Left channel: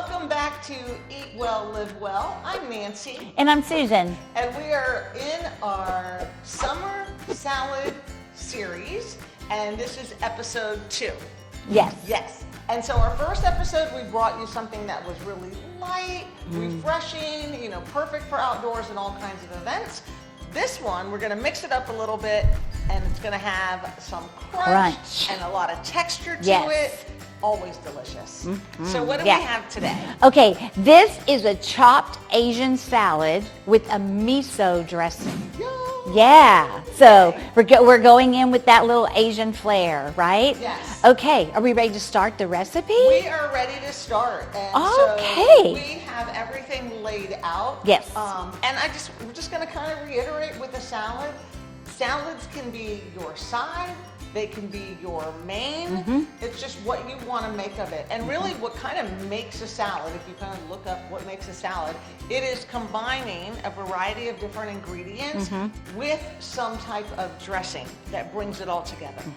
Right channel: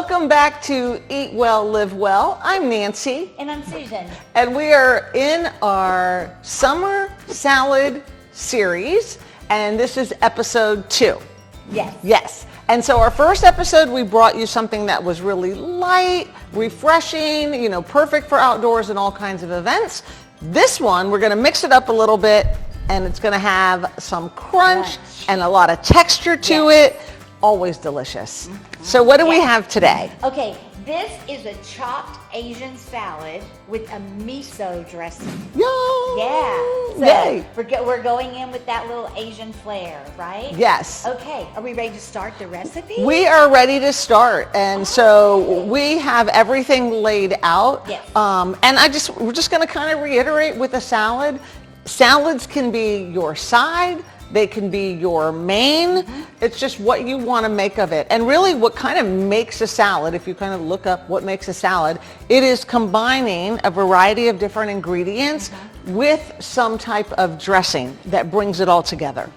Welcome back to Eat Well, Live Well. I'm Nancy. And I'm Susan. And we are in our summer salad series, and this is episode 2. Yes. Yes. And so our first episode, we brought you something that was really light, refreshing, perfect for outdoors and all kinds of events. This one, we're going to mix it up a little bit, and it's going to have some crunch and a lot of texture to it. Always delicious. Mm-hmm. So what do we have today? Okay, this is a chopped Asian salad with a miso dressing. Yay! Yeah. So we're going in with that little Asian flair, right? Yes. Okay, are we ready to start the recipe? We are ready to start. And so we have everything laid out. Yes. And we're just going to kind of reiterate with a salad. Salads can be your side. They can be your main. Mm-hmm. It's just what you want to make of it. And really what kind of makes a salad, if you kind of look up what makes a salad, it is combining a variety of different ingredients with some type of dressing that brings it all together.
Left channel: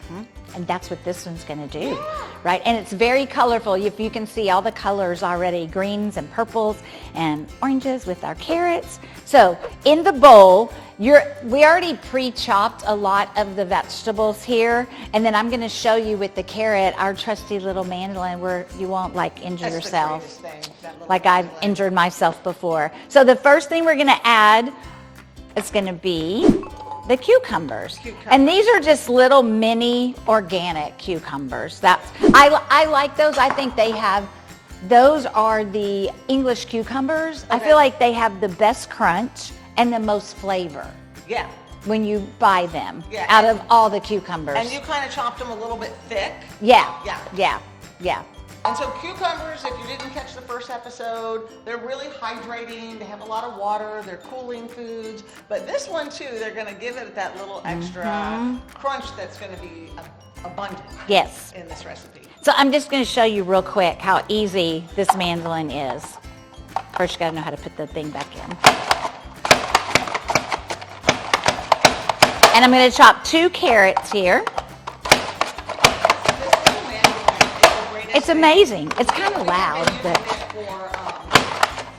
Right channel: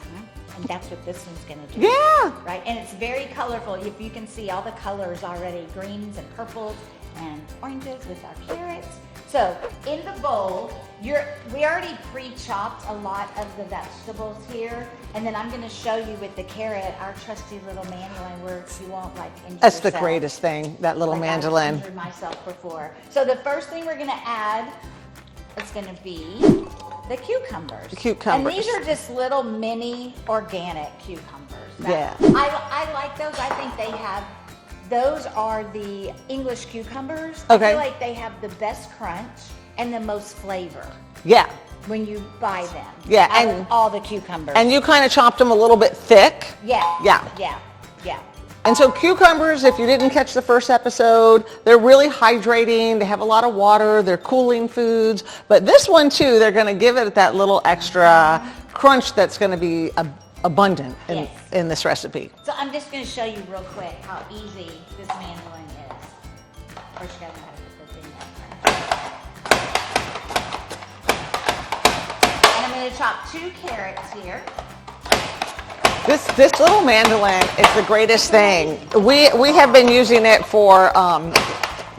And that's what this one's going to do. Yeah. Right? And it's very colorful. If you can see all the colors already, greens and purples and oranges with our carrots. So in the bowl, we already pre-chopped a lot of the vegetables here, and then I'm going to show you with the carrot, our trusty little mandolin, where you won't injure yourself. That's the greatest thing, that little mandolin. Like I've injured myself before. So the first thing we're going to add is going to be the cucumbers. And these are just little mini organic cucumbers. I like those. I think those are the English cucumbers. Okay. I feel like they have the best crunch and the most flavor. Yeah. When you buy them. Yeah. Out of all the cucumbers. And you kind of chopped them a little bit thick. Yeah. Yeah. Yeah. Yeah. And so cucumbers, if you didn't catch the first episode, they're really hydrating. They have a lot of water. They're cooling foods. But this one too, they're going to give it that little extra crunch that's going to be abundant in this recipe. So I'm just going to show you real quick how easy this mandolin is. First, you got to know how to put the thing back in. And I'm going to chop 2 carrots here. This little mandolin is the greatest thing. It's amazing. We have been using it for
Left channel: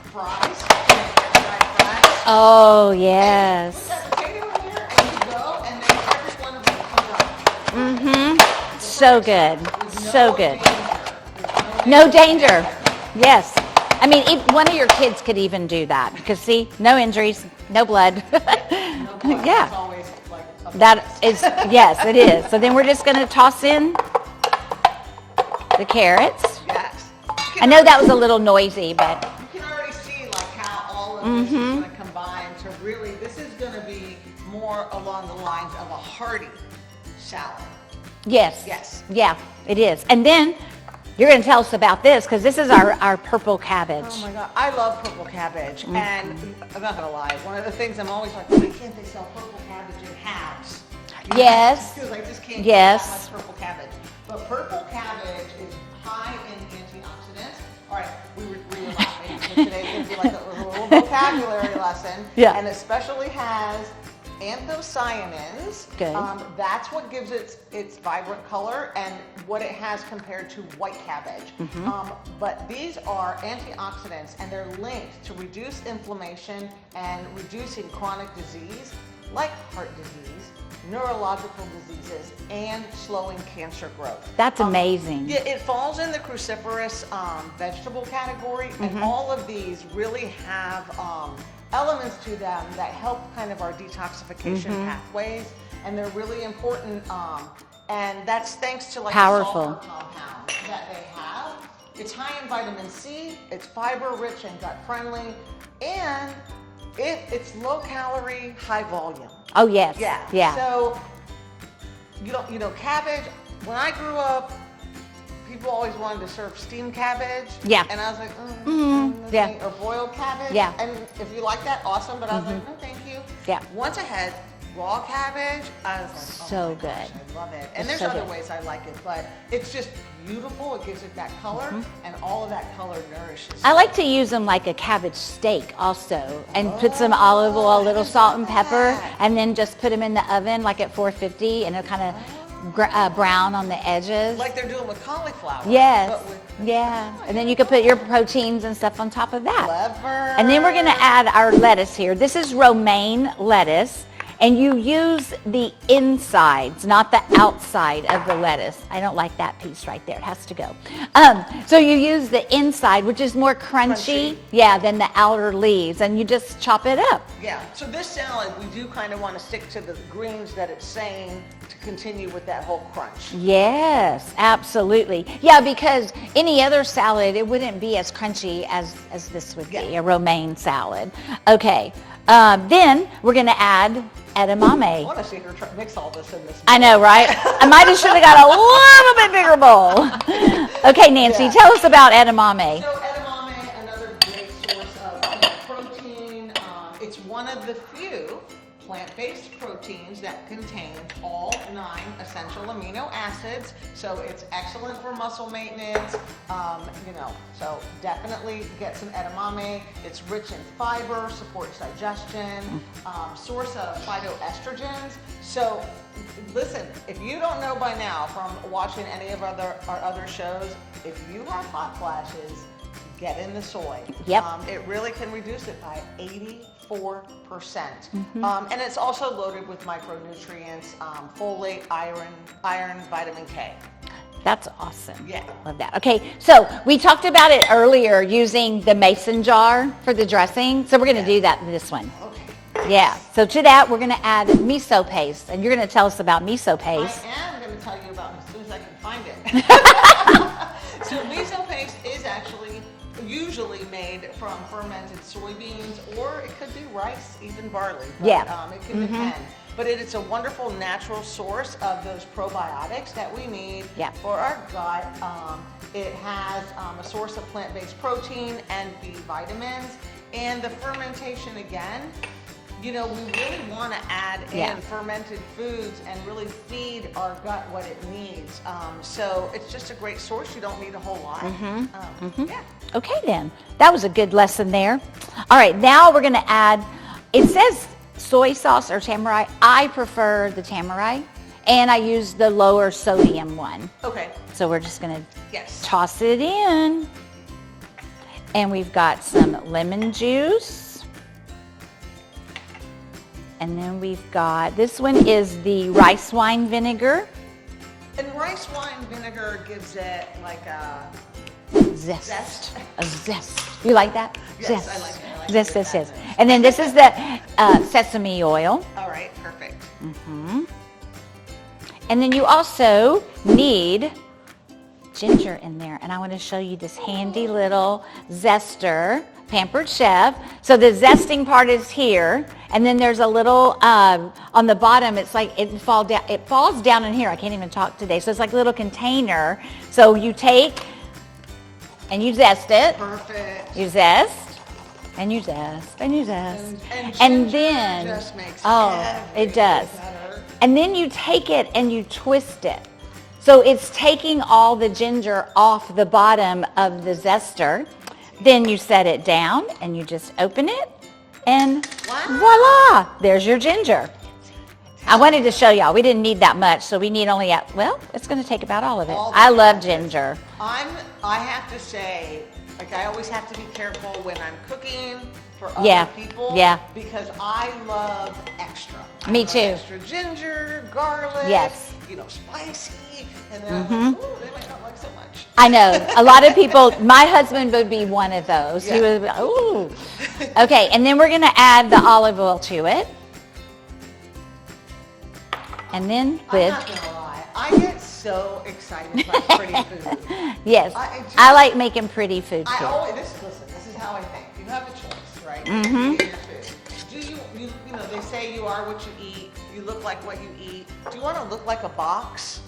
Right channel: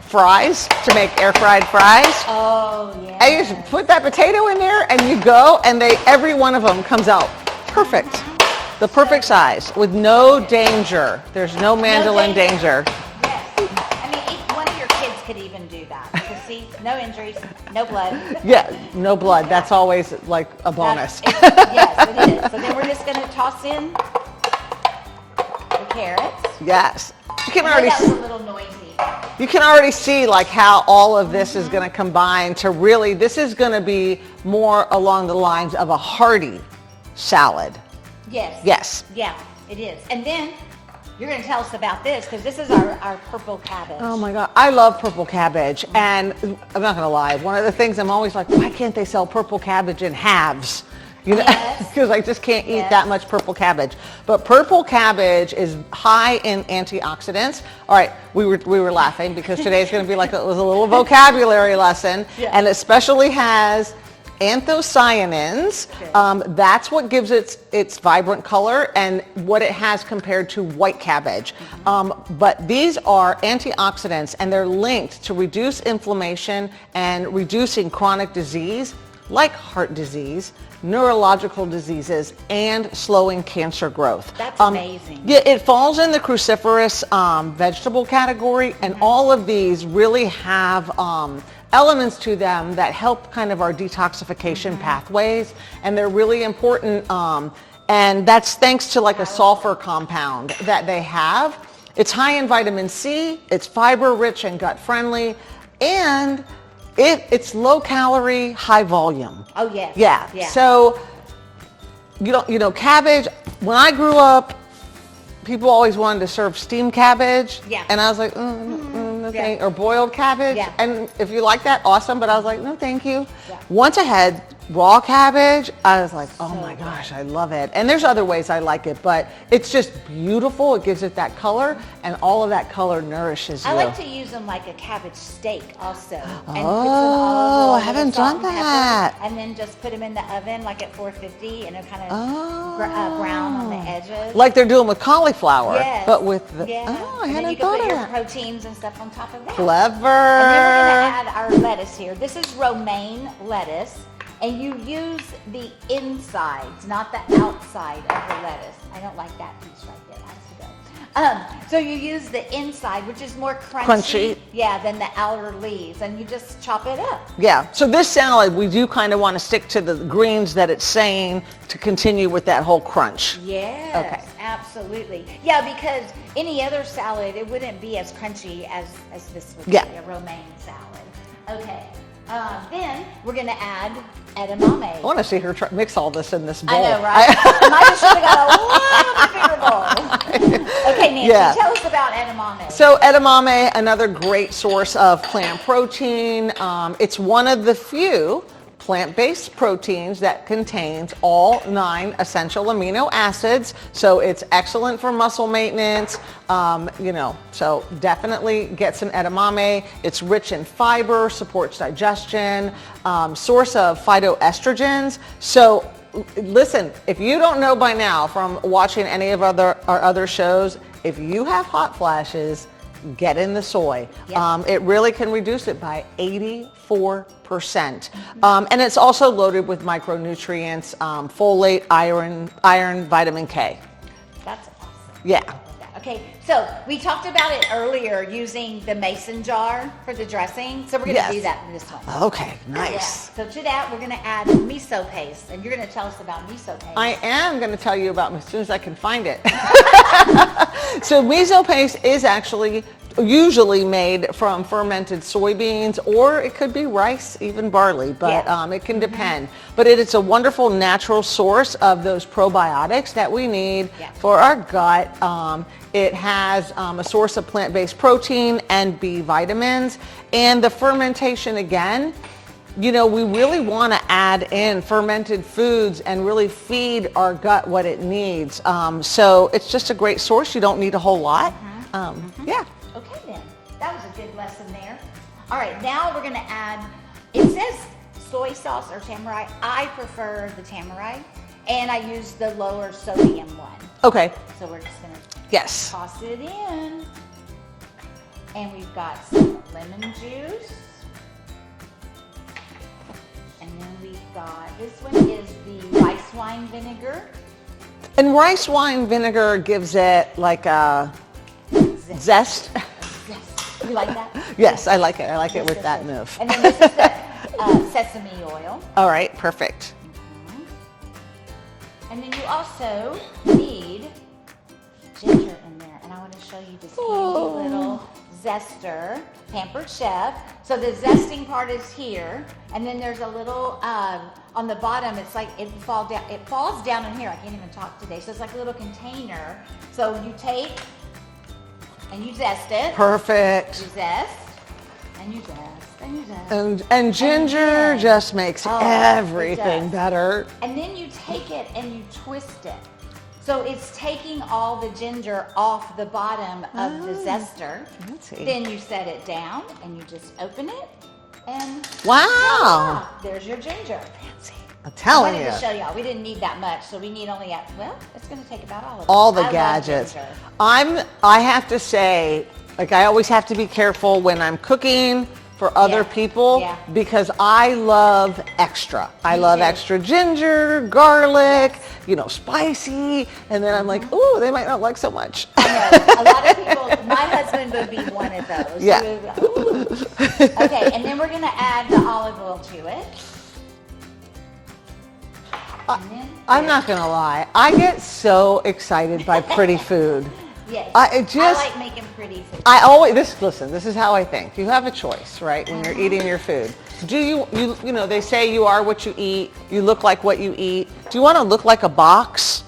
fries, to make air fried fries. Oh, yes. And you just put that potato in there and you go, and every one of them comes out perfect. The perfect size with no danger. There's no mandolin danger. Yes. I mean, one of your kids could even do that because see, no injuries, no blood. Yeah, no blood. Yeah. That's always like a bonus. Yes, it is. So then we're just going to toss in the carrots. Yes. I know that was a little noisy, but you can already see how all of this is going to combine to really, this is going to be more along the lines of a hearty salad. Yes. Yes. Yeah, it is. And then you're going to tell us about this because this is our purple cabbage. Oh my God, I love purple cabbage. And I'm not going to lie, one of the things I'm always like, why can't they sell purple cabbage in halves? Yes. Because I just can't eat that much purple cabbage. But purple cabbage is high in antioxidants. All right, we were laughing because today's going to be it was a little vocabulary lesson. Yeah. And especially has anthocyanins. That's what gives its vibrant color and what it has compared to white cabbage. But these are antioxidants, and they're linked to reduce inflammation and reducing chronic disease like heart disease, neurological diseases, and slowing cancer growth. That's amazing. Yeah, it falls in the cruciferous vegetable category, and all of these really have elements to them that help kind of our detoxification pathways, and they're really important, and that's thanks to a sulfur compound that they have. It's high in vitamin C, it's fiber rich and gut friendly, and it's low calorie, high volume. Oh yes. Yeah. So cabbage, when I grew up, people always wanted to serve steamed cabbage. Yeah. And I was like, or boiled cabbage. Yeah. And if you like that, awesome. But I was like, no, thank you. Yeah. Once I had raw cabbage, I was like, oh So my good. gosh, I love it. And there's other ways I like it, but it's just beautiful. It gives it that color, and all of that color nourishes you. I like to use them like a cabbage steak also, and put some olive oil, a little haven't salt done and that. pepper, and then just put them in the oven like at 450, and it'll kind of brown on the edges. Like they're doing with cauliflower. Yes. But with the, yeah. oh, I and then hadn't you can thought put your of that. proteins and stuff on top of that. Clever. And then we're going to add our lettuce here. This is romaine lettuce. And you use the insides, not the outside of the lettuce. I don't like that piece right there. It has to go. So you use the inside, which is more crunchy, yeah, than the outer leaves. And you just chop it up. Yeah. So this salad, we do kind of want to stick to the greens that it's saying to continue with that whole crunch. Yes, absolutely. Yeah, because any other salad, it wouldn't be as crunchy as this would be, a romaine salad. Okay. Then we're going to add edamame. I want to see her mix all this in this bowl. I know, right? I might have should have got a little bit bigger bowl. Okay, Nancy, tell us about edamame. So edamame, another great source of plant protein. It's one of the few plant-based proteins that contains all 9 essential amino acids. So it's excellent for muscle maintenance. So definitely get some edamame. It's rich in fiber, supports digestion, source of phytoestrogens. So listen, if you don't know by now from watching any of our other shows, if you have hot flashes, get in the soy. Yep. It really can reduce it by 84%. And it's also loaded with micronutrients, folate, iron, vitamin K. That's awesome. Yeah. I love that. Okay, so we talked about it earlier using the mason jar for the dressing. So we're going to do that in this one. Okay, nice. Yeah, so to that we're going to add miso paste. And you're going to tell us about miso paste. I am going to tell you about it as soon as I can find it. So miso paste is actually usually made from fermented soybeans, or it could be rice, even barley, but it can depend. But it is a wonderful natural source of those probiotics that we need for our gut. It has a source of plant-based protein and B vitamins. And the fermentation, again, we really want to add in fermented foods and really feed our gut what it needs. So it's just a great source. You don't need a whole lot. Yeah. Okay then, that was a good lesson there. All right, now we're going to add, it says soy sauce or tamari. I prefer the tamari, and I use the lower sodium one. Okay. So we're just going to toss it in. And we've got some lemon juice. And then we've got, this one is the rice wine vinegar. And rice wine vinegar gives it like a zest. A zest. You like that? Yes, Zest. I like it. I like it with that move. And then this is the sesame oil. All right, perfect. And then you also need ginger in there. And I want to show you this handy little zester, Pampered Chef. So the zesting part is here. And then there's a little, on the bottom, it's like it falls down in here. I can't even talk today. So it's like a little container. So you take and you zest it. Perfect. You zest. And you zest, and you zest. And ginger then, just makes everything it does. better. And then you take it and you twist it. So it's taking all the ginger off the bottom of the zester. Then you set it down and you just open it and voila, there's your ginger. I wanted to show y'all. We didn't need that much, so we need only, it's going to take about all of it. I love ginger. I have to say, like, I always have to be careful when I'm cooking for other people because I love extra. I love extra ginger, garlic, spicy, and then I'm like, ooh, they might not like so much. I know. A lot of people, my husband would be one of those. Yeah. He would be, ooh. Okay, and then we're going to add the olive oil to it. And then I'm not going to lie. I get so excited by pretty food. Yes. I like making pretty food. Listen, this is how I think. You have a choice, right? When you're eating your food. Do you they say you are what you eat. You look like what you eat. Do you want to look like a box?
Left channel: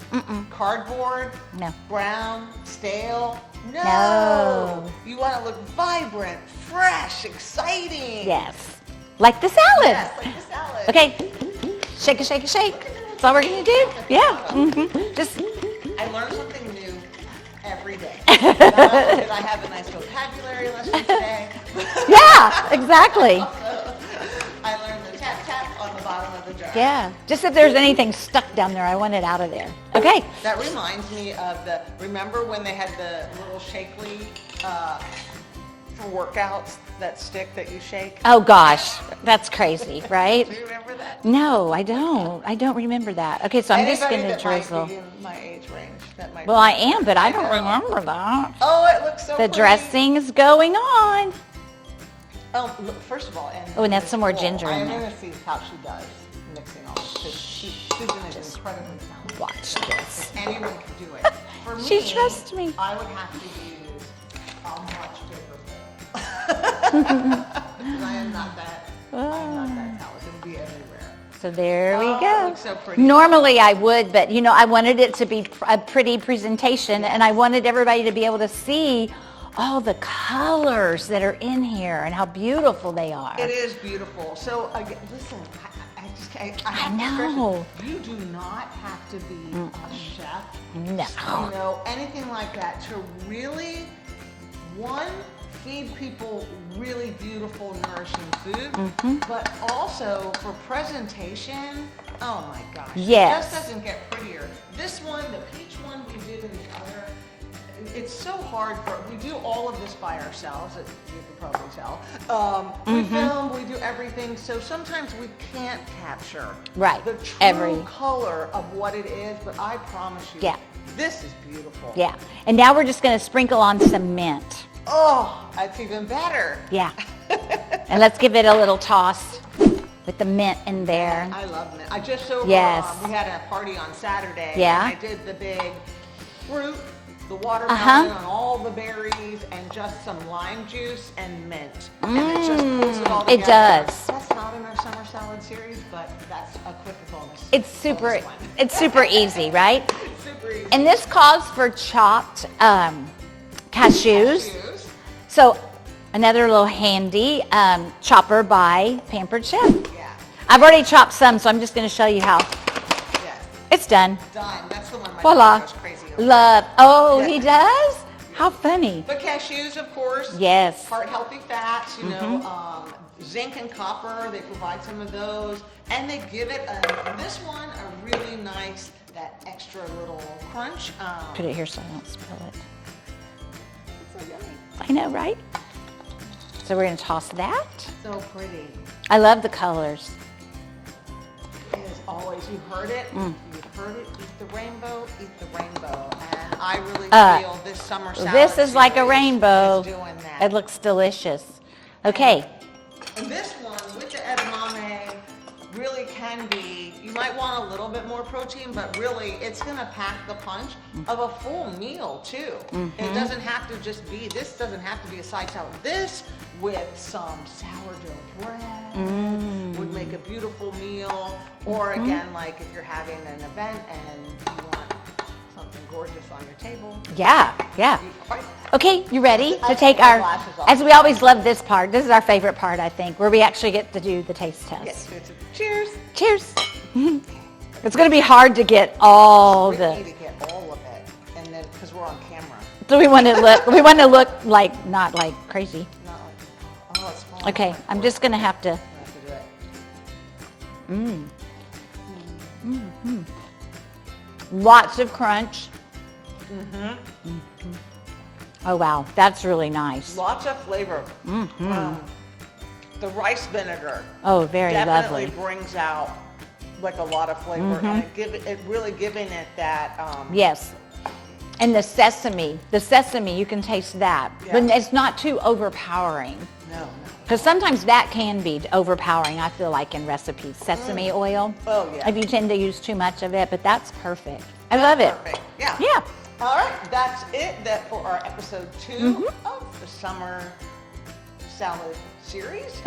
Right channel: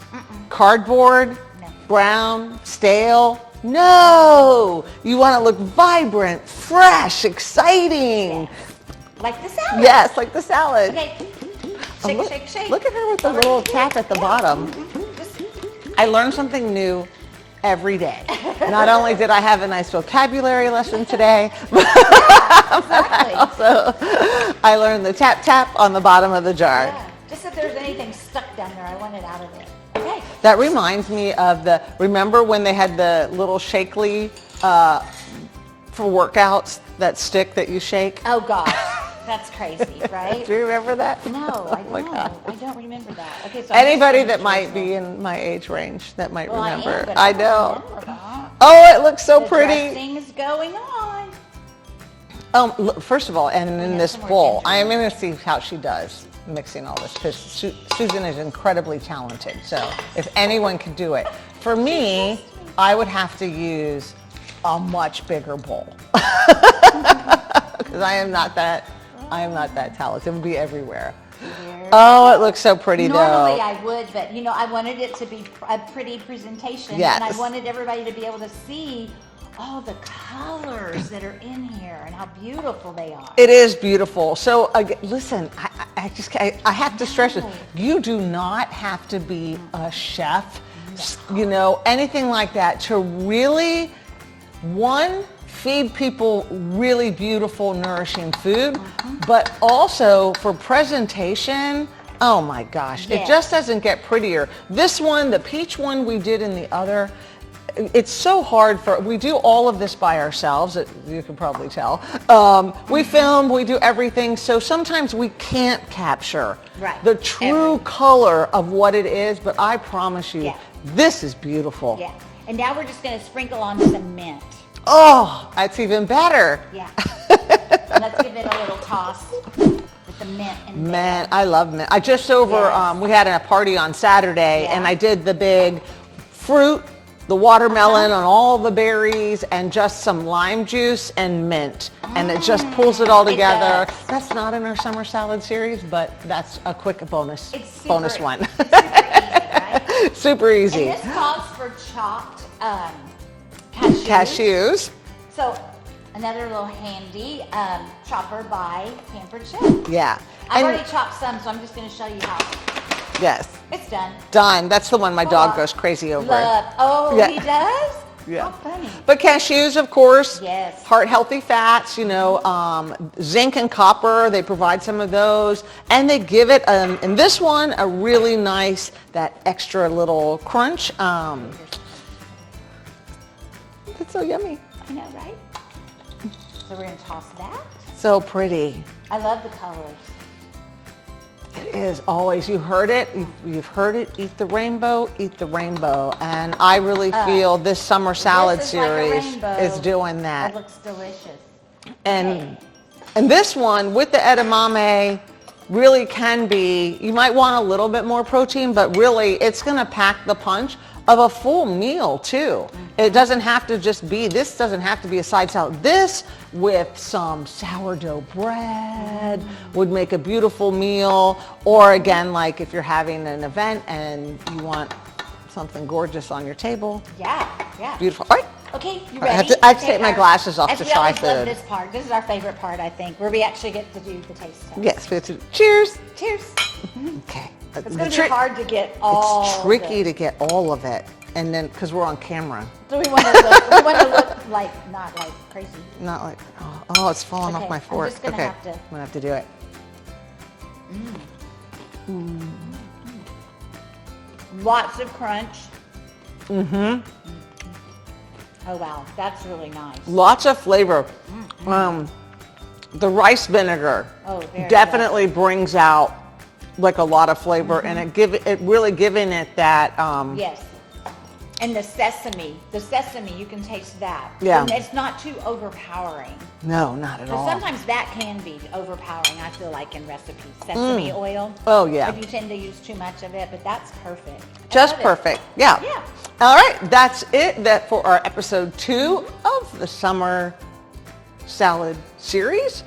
Cardboard? No. Brown? Stale? No. You want to look vibrant, fresh, exciting. Yes. Like the salad. Yes, like the salad. Okay. Shake it, shake it, shake. Look at her with That's all the we're little gonna do. cap at the Yeah. bottom. Just I learn something new every day. Not only did I have a nice vocabulary lesson today, yeah, exactly. also I learned the tap tap on the bottom of the jar. Yeah. Just if there's anything stuck down there, I want it out of there. Okay. That reminds me of remember when they had the little shakely for workouts, that stick that you shake? Oh gosh, that's crazy, right? Do you remember that? No, I don't. I don't remember that. Okay, so I'm Anybody just that gonna might drizzle. be in my age range that might Well, I remember. am, but I know. don't remember that. Oh, it looks so The pretty. dressing is going on. Look, first of all, and Oh, and in that's this some more bowl, ginger I in am there. going to see how she does mixing all this, because Susan is incredibly talented. So if anyone could do it, for me, trusts me. I would have to use a much bigger bowl because I am not that talented. It would be everywhere. So there. Oh, we it go. looks so pretty. Normally though. I would, but I wanted it to be a pretty presentation, and I Yes. wanted everybody to be able to see all the colors that are in here and how beautiful they are. It is beautiful. So listen, I have to stress it. know. You do not have to be a chef, No. anything like that to really, feed people really beautiful, nourishing food, but also for presentation. Oh my gosh, Yes. it just doesn't get prettier. This one, the peach one we did in the other, it's so hard we do all of this by ourselves, you can probably tell. We film, we do everything, so sometimes we can't capture Right. the true color of what it is, but I promise you, Yeah. this is beautiful. Yeah. And now we're just going to sprinkle on some mint. Oh, that's even better. Yeah. And let's give it a little toss with the mint in there. Man, I love mint. I just Yes. we had a party on Saturday, Yeah. and I did the big fruit, the watermelon and all the berries, and just some lime juice and mint. And it just pulls it all It together. does. That's not in our summer salad series, but that's a quick bonus. It's super, bonus one. It's super easy, right? Super easy. And this calls for chopped cashews. Cashews. So another little handy chopper by Pampered Chef. Yeah. I've And- already chopped some, so I'm just going to show you how. Yes. It's done. Done. That's the one my Voila. dog goes crazy over. Love. Oh, Yeah. he does? Yeah. How funny. But cashews, of course. Yes. Heart healthy fats, zinc and copper, they provide some of those. And they give it, in this one, a really nice, that extra little crunch. Put it here so I don't spill It's so yummy. it. I know, right? So we're going to toss that. So pretty. I love the colors. It is always, you heard it, you've heard it, eat the rainbow, eat the rainbow. And I really feel this summer salad This is like a series rainbow. is doing that. It looks delicious. Okay. And this one with the edamame really can be, you might want a little bit more protein, but really it's going to pack the punch of a full meal too. It doesn't have to just be, this doesn't have to be a side salad. This with some sourdough bread would make a beautiful meal. Or again, like if you're having an event and you want something gorgeous on your table. Yeah, yeah. Beautiful. All right. Okay, you I have ready? to- I have to take my glasses off As to we try always for love the- this part. This is our favorite part, I think, where we actually get to do the taste test. Yes. Cheers. Cheers. Okay. It's going to be hard to get all tricky the, to get all of it, and then because we're on camera, so we want to look like not like crazy. not like oh it's falling Okay, off my fork. I'm just gonna Okay, have to- I'm gonna have to do it. Lots of crunch. Oh wow, that's really nice. Lots of flavor. The rice vinegar Oh, very definitely lovely. brings out like a lot of flavor, and it really giving it that Yes. And the sesame, you can taste that. Yeah. When it's not too overpowering. no, not at all. Because sometimes that can be overpowering, I feel like, in recipes. Sesame oil. Oh, yeah. If you tend to use too much of it, but that's perfect. I Just love it. perfect. Yeah. Yeah. All right, that's it. That for our episode 2 of the summer salad series.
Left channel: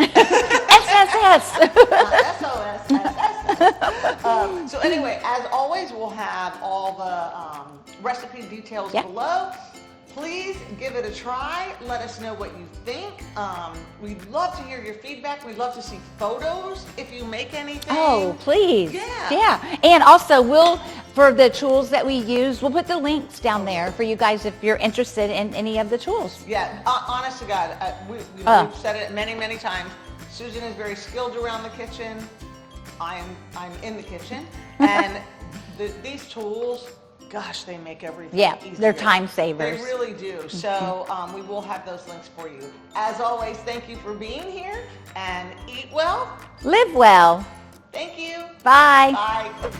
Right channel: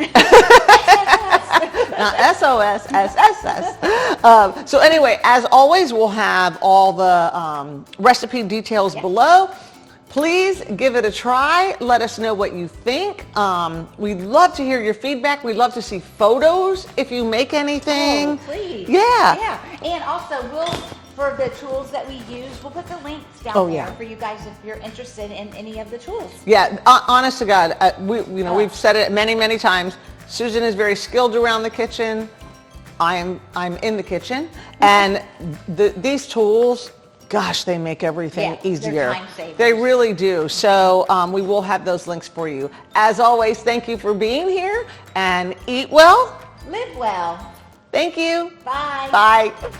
SOS, SSS. So anyway, as always, we'll have all the recipe details below. Please give it a try. Let us know what you think. We'd love to hear your feedback. We'd love to see photos if you make anything. Oh, please. Yeah. Yeah. And also for the tools that we use, we'll put the links down there yeah. for you guys if you're interested in any of the tools. Yeah, honest to God, we've said it many, many times. Susan is very skilled around the kitchen. I'm in the kitchen, and these tools, gosh, they make everything easier. They're time savers. They really do. So we will have those links for you. As always, thank you for being here, and eat well. Live well. Thank you. Bye. Bye.